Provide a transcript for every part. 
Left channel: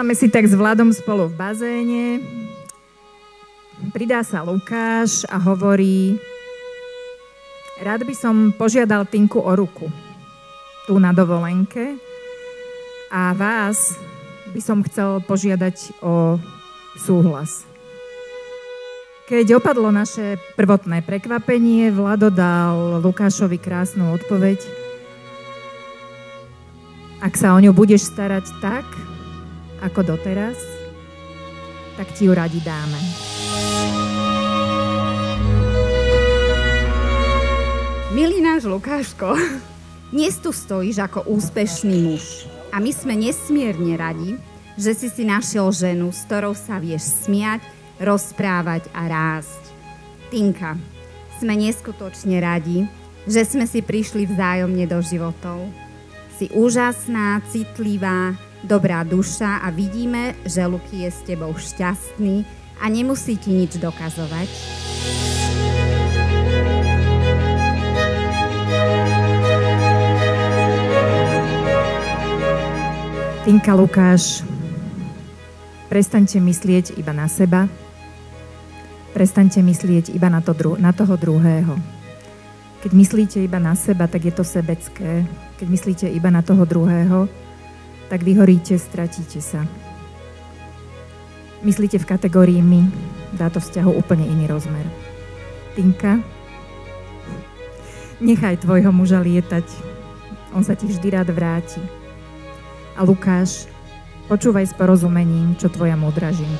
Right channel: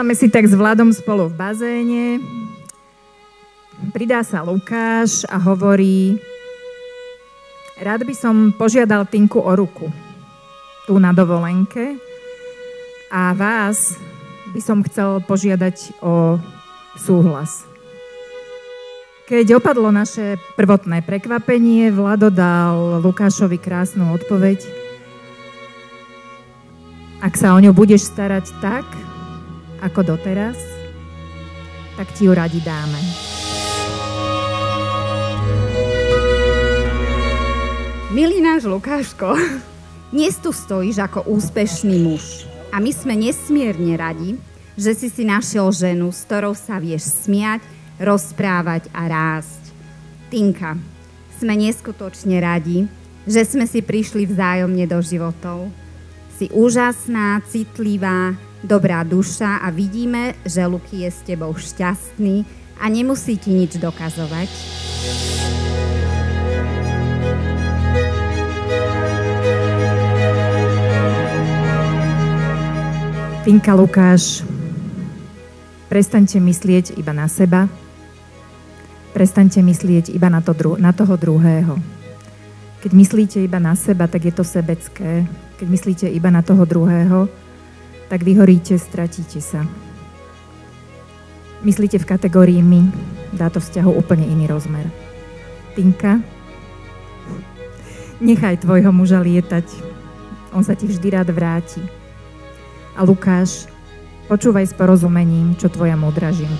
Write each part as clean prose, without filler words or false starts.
Stávame si tak s Vladom spolu v bazéne. Pridá sa Lukáš a hovorí: rád by som požiadal Tinku o ruku tu na dovolenke a vás by som chcel požiadať o súhlas. Keď opadlo naše prvotné prekvapenie, Vlado dal Lukášovi krásnu odpoveď: ak sa o ňu budeš starať tak, ako doteraz, tak ti ju radi dáme. Milý náš Lukáško, dnes tu stojíš ako úspešný a my sme nesmierne radi, že si našiel ženu, s ktorou sa vieš smiať, rozprávať a rásť. Tinka, sme neskutočne radi, že sme si prišli vzájomne do životov. Si úžasná, citlivá, dobrá duša a vidíme, že Luky je s tebou šťastný a nemusí ti nič dokazovať. Tinka, Lukáš, prestaňte myslieť iba na seba, prestaňte myslieť iba na toho druhého. Keď myslíte iba na seba, tak je to sebecké. Keď myslíte iba na toho druhého, tak vyhoríte, stratíte sa. Myslíte v kategórii my, dá to vzťahu úplne iný rozmer. Tinka, nechaj tvojho muža lietať. On sa ti vždy rád vráti. A Lukáš, počúvaj s porozumením, čo tvoja modrá žije.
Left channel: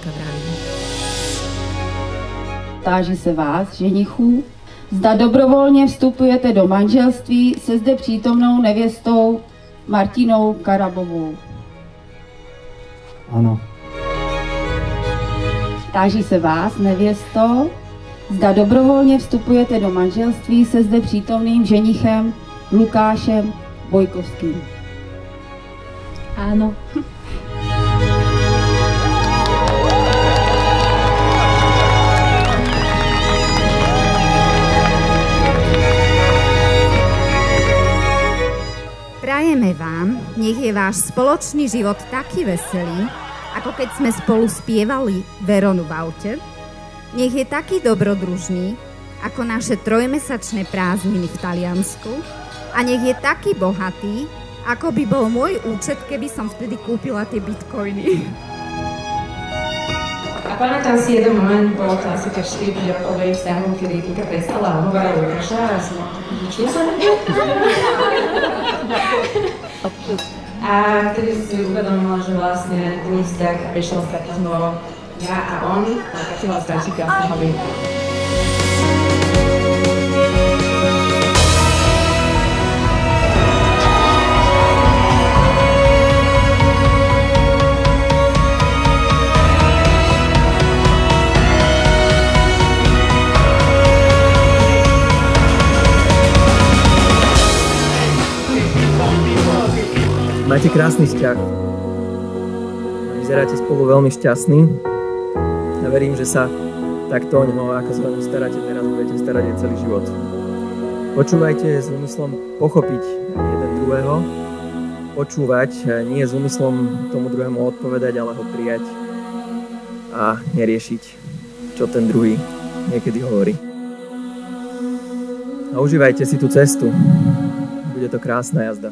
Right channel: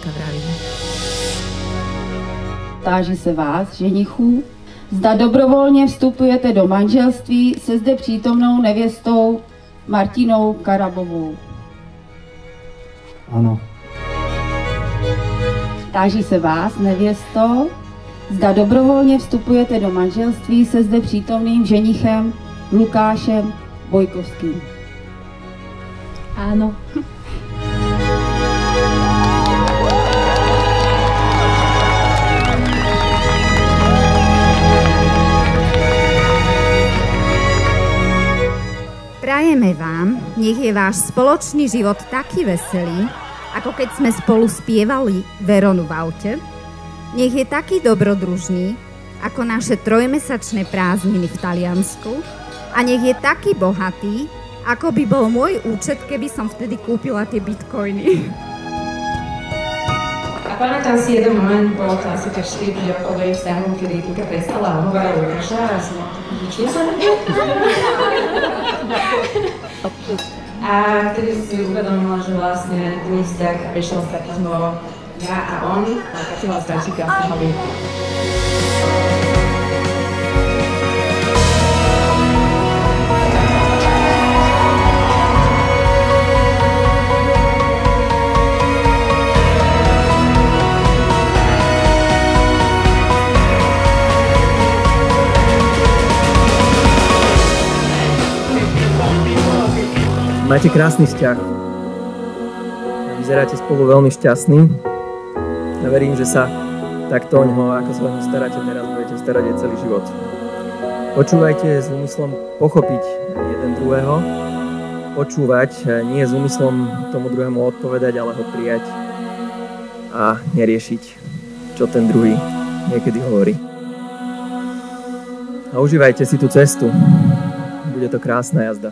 Táži se vás, ženichů, zda dobrovolně vstupujete do manželství se zde přítomnou nevěstou Martinou Karabovou. Ano. Táži se vás, nevěsto, zda dobrovolně vstupujete do manželství se zde přítomným ženichem Lukášem Bojkovským. Áno. Prajeme vám, nech je váš spoločný život taký veselý, ako keď sme spolu spievali Veronu v aute. Nech je taký dobrodružný, ako naše trojmesačné prázdniny v Taliansku. A nech je taký bohatý, ako by bol môj účet, ktorý som kúpila toto spojenie. A pamätám si jeden moment, bolo to asi tak 4 rokovej vzťahu, kedy Tinka prestala hovorila Lukáša a som ničil sa na ňu. A vtedy si uvedomila, že vlastne ten vzťah prišiel z takého ja a on, a takého starší krásneho vieku. Šťastný. Verím, že sa takto počúvať nie je zmyslom pochopiť druhého. Počúvať nie je zmyslom tomu druhému odpovedať, ale ho prijať a neriešiť to, čo tu niekedy hovorí. A užívajte si tú cestu. Bude to krásna jazda.